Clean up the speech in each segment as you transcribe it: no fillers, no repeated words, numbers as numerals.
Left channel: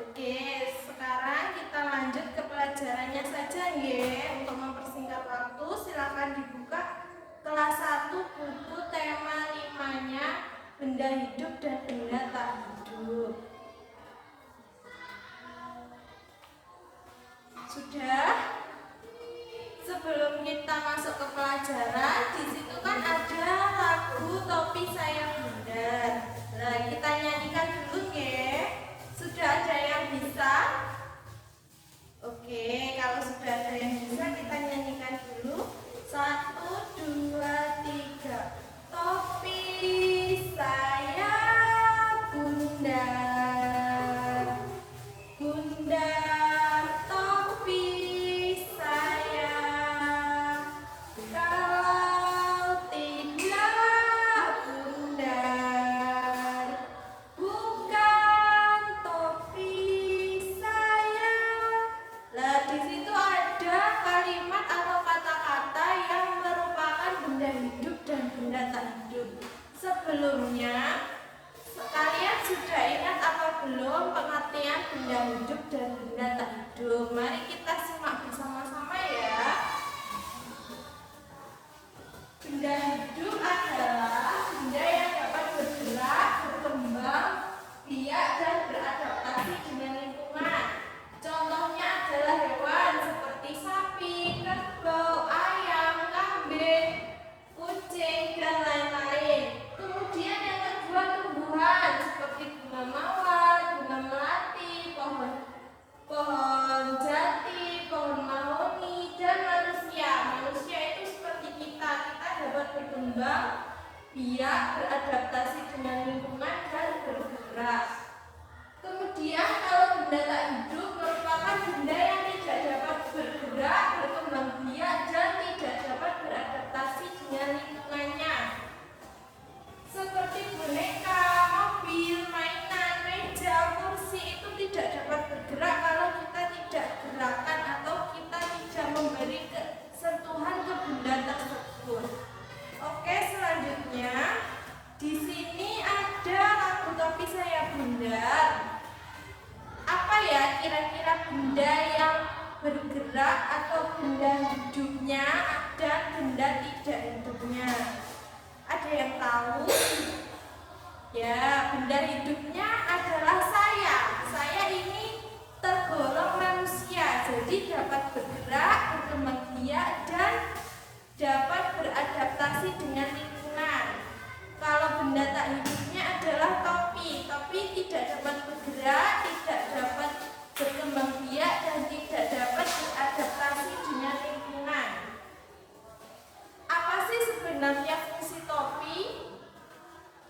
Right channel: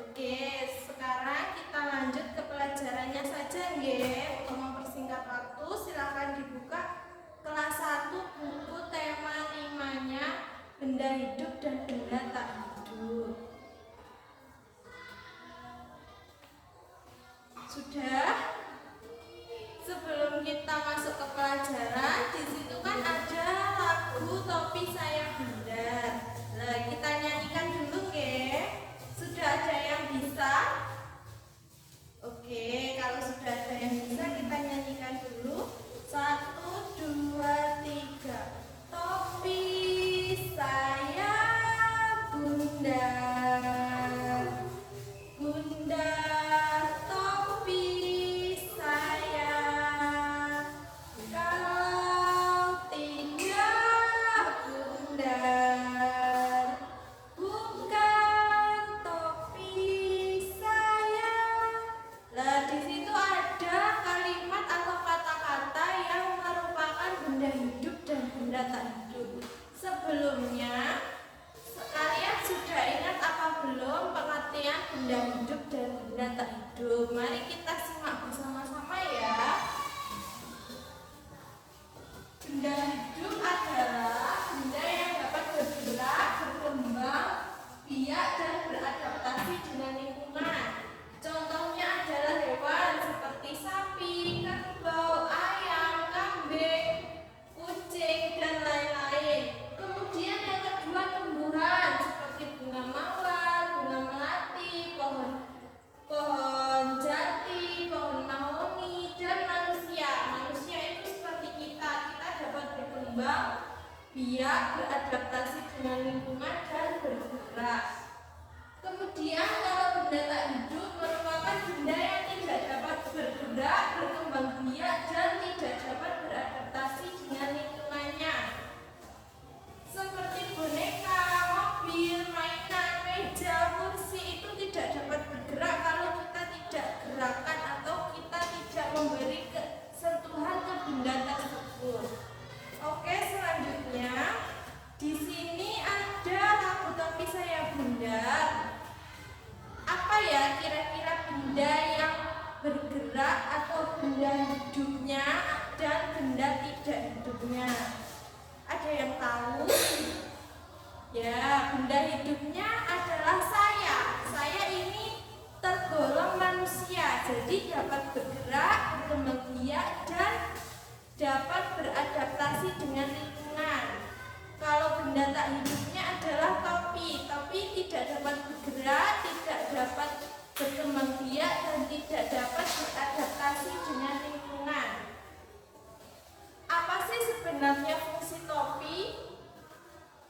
Oke, sekarang kita lanjut ke pelajarannya saja ya. Untuk mempersingkat waktu, silakan dibuka kelas 1 buku tema 5-nya benda hidup dan benda tak hidup. Sudah? Sebelum kita masuk ke pelajaran, di situ kan ada lagu Topi Saya Bunda. Nah, kita nyanyikan dulu ya. Sudah ada yang bisa? Oke, kalau sudah ada yang bisa kita nyanyikan dulu. 1, 2, 3. Topi saya Bunda, Bunda topi saya. Kalau tidak Bunda, bukan topi saya. Nah, di situ ada kalimat atau kata-kata yang merupakan benda hidup dan benda tak hidup. Sebelumnya, kalian sudah ingat apa belum pengertian benda hidup dan benda tak hidup? Mari kita simak bersama-sama ya. Benda hidup adalah benda yang dapat bergerak, berkembang, biak dan beradaptasi dengan lingkungan. Contohnya adalah hewan seperti sapi, kerbau, ayam, kambing, kucing, dan lain-lain. Kemudian yang kedua tumbuhan seperti bunga mawar, bunga melati, pohon jati, pohon mahoni, dan manusia. Manusia itu seperti kita dapat berkembang, biak, beradaptasi dengan lingkungan, dan bergerak. Kemudian kalau benda tak hidup merupakan benda yang tidak dapat bergerak, berkembang biak, dan tidak dapat beradaptasi dengan lingkungannya. Seperti boneka, mobil, mainan, meja, kursi itu tidak dapat bergerak kalau kita tidak gerakan atau kita tidak memberi sentuhan ke benda tersebut. Oke, selanjutnya di sini ada lagu Topi Saya Bunda. Apa ya kira-kira benda yang bergerak atau benda hidupnya dan benda tidak hidupnya? Ada yang tahu? Ya, benda hidupnya adalah saya. Saya ini tergolong manusia, jadi dapat bergerak, berkembang biak, dan dapat beradaptasi dengan lingkungan. Kalau benda tak hidupnya adalah topi. Topi tidak dapat bergerak, tidak dapat berkembang biak, dan tidak dapat beradaptasi dengan lingkungan. Apa sih sebenarnya fungsi topi?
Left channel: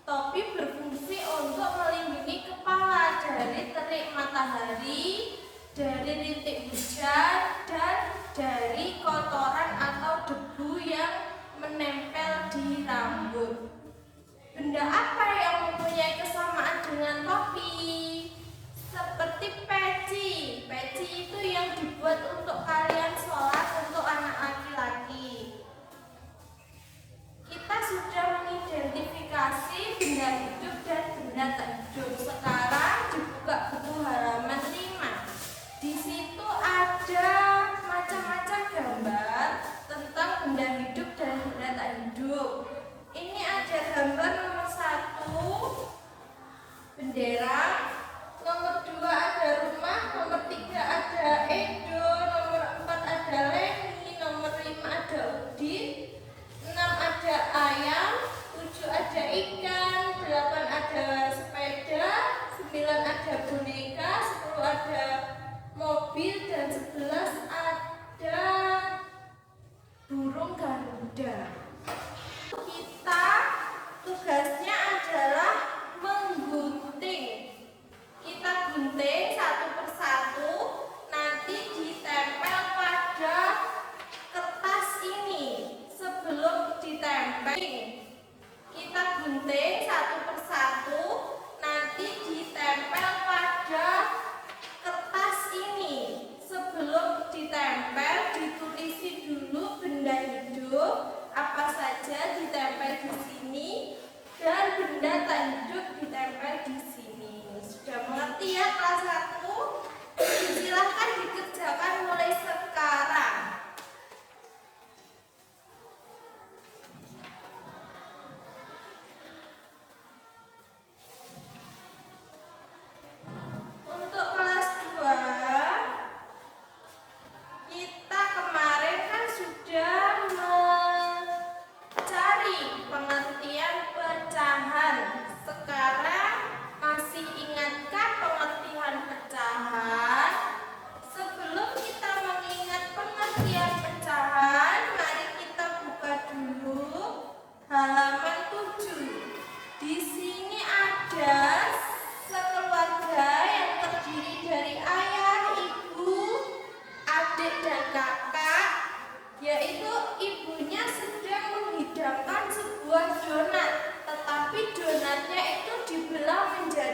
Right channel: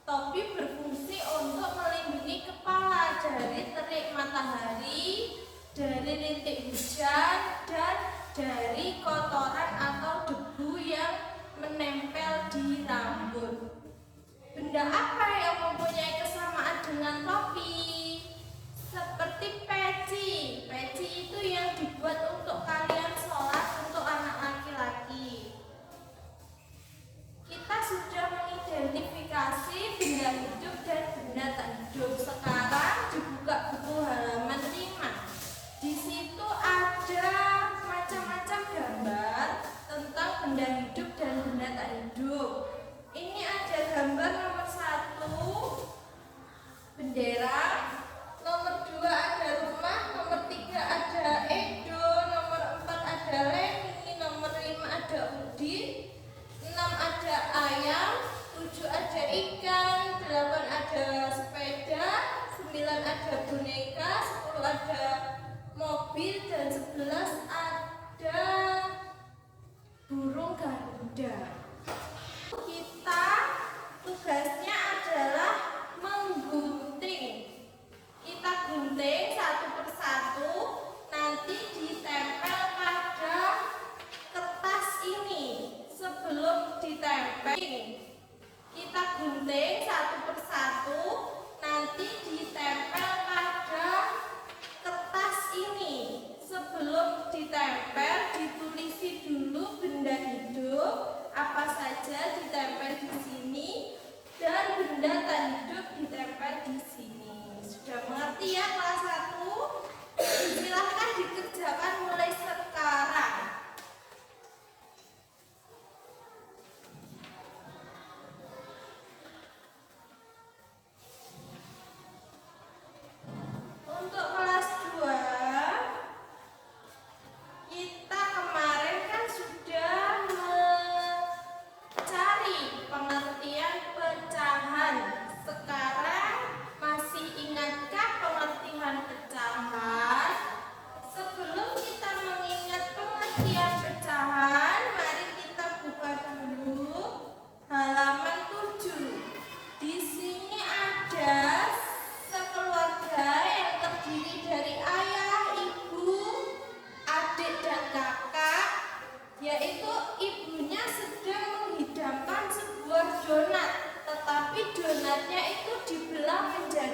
Topi berfungsi untuk melindungi kepala dari terik matahari, dari rintik hujan, dan dari kotoran atau debu yang menempel di rambut. Benda apa yang mempunyai kesamaan dengan topi? Seperti peci. Peci itu yang dibuat untuk kalian sholat untuk anak laki-laki. Kita sudah mengidentifikasi benda hidup dan benda tak hidup. Sekarang dibuka buku halaman 5. Di situ ada macam-macam gambar tentang benda hidup dan benda tak hidup. Ini ada gambar nomor 1.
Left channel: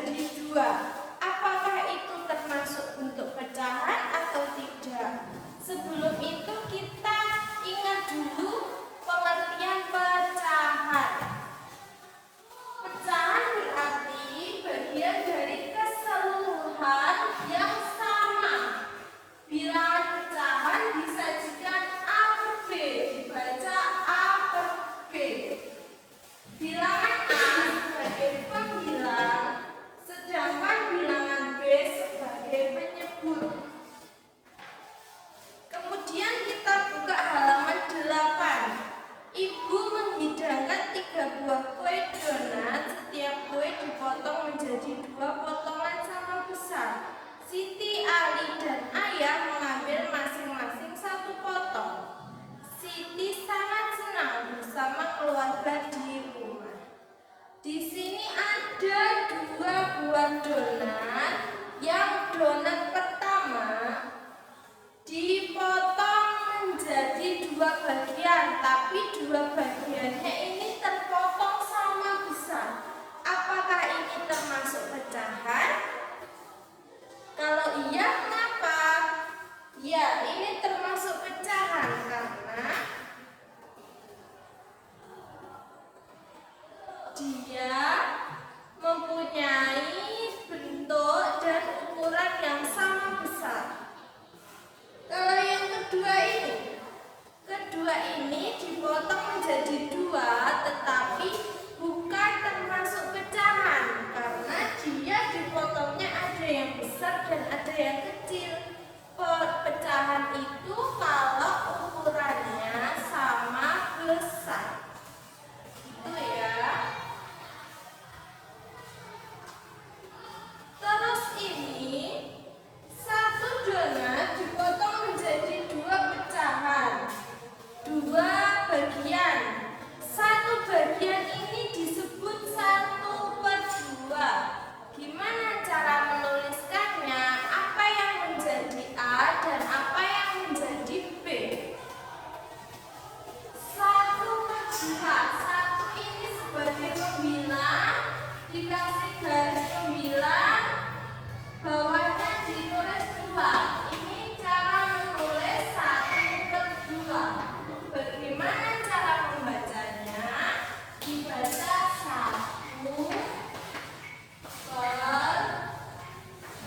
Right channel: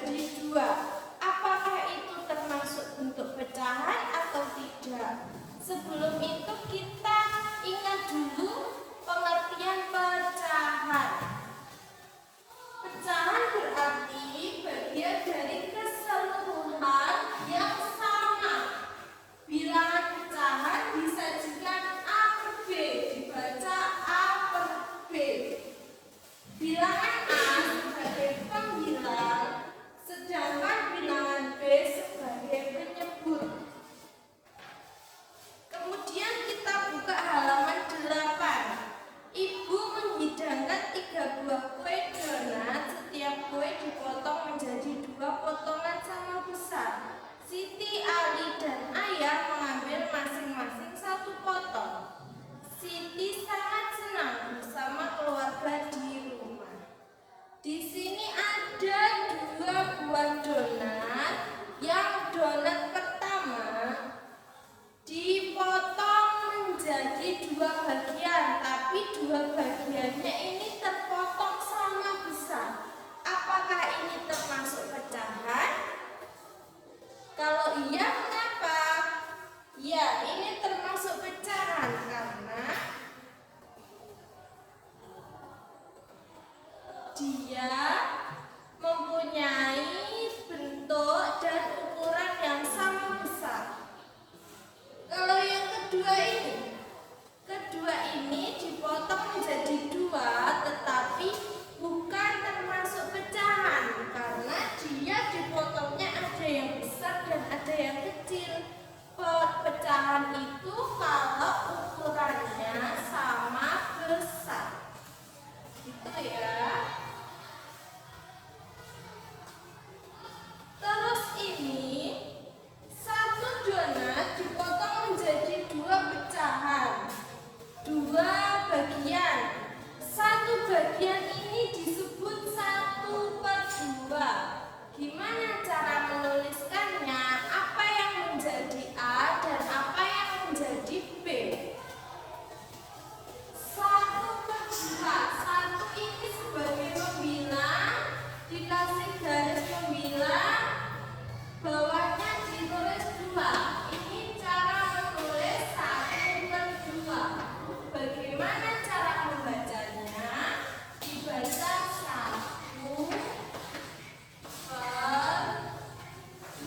menjadi dua. Apakah itu termasuk bentuk pecahan atau tidak? Sebelum itu kita ingat dulu pengertian pecahan. Pecahan berarti bagian dari keseluruhan yang sama. Bilangan pecahan disajikan A per B, dibaca A per B. Bilangan A sebagai pembilang, sedangkan bilangan B sebagai penyebut. Kemudian kita buka halaman 8. Ibu menghidangkan 3 buah kue donat. Setiap kue dipotong menjadi 2 potongan sama besar. Siti, Ali, dan Ayah mengambil masing-masing 1 potong. Siti sangat senang bersama keluarga di rumah. Di sini ada 2 buah donat. Yang donat pertama dipotong menjadi 2 bagian, tapi 2 bagiannya ini terpotong sama besar. Apakah ini termasuk pecahan? Kalau iya, mengapa? Ya, ini termasuk pecahan karena dia mempunyai bentuk dan ukuran yang sama besar. Kalau yang kedua ini dipotong menjadi 2, tetapi bukan termasuk pecahan karena dia dipotongnya ada yang besar dan ada yang kecil. Pecahan itu kalau ukurannya sama besar. Gitu ya. Terus ini 1 donat dipotong menjadi 2 pecahan, 2 bagian. 1 bagian ini disebut 1 per 2. Gimana cara menuliskannya? Apa yang menjadi A dan apa yang menjadi B? 1 per 2. 1 ini sebagai pembilang, dikasih garis pembilang, bawahnya ditulis 2. Ini cara menulis 1 per 2. Bagaimana cara membacanya? Dibaca 1 per 2.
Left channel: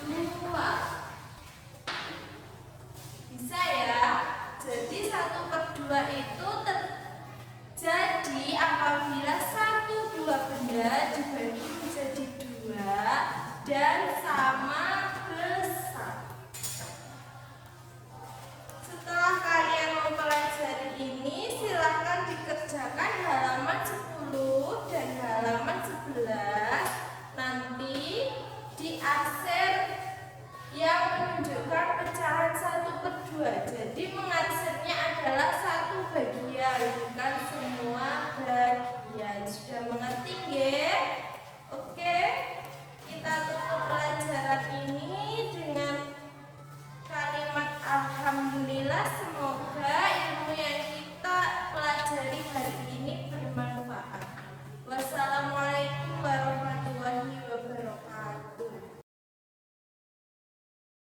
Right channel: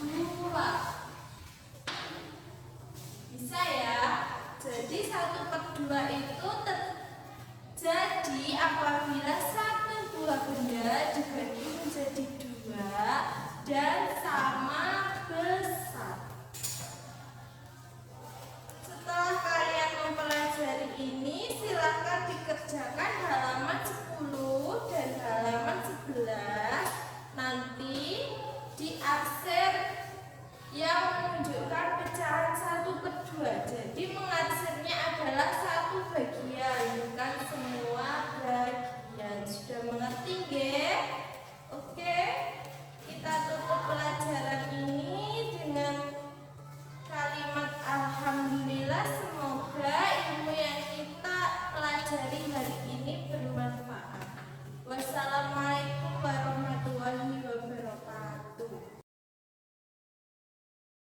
Bisa ya? Jadi 1 per 2 itu terjadi apabila 1 buah benda dibagi menjadi 2 dan sama besar. Setelah kalian mempelajari ini, silakan dikerjakan halaman 10 dan halaman 11. Nanti di arsir yang menunjukkan pecahan 1 per 2. Jadi mengarsirnya adalah 1 bagian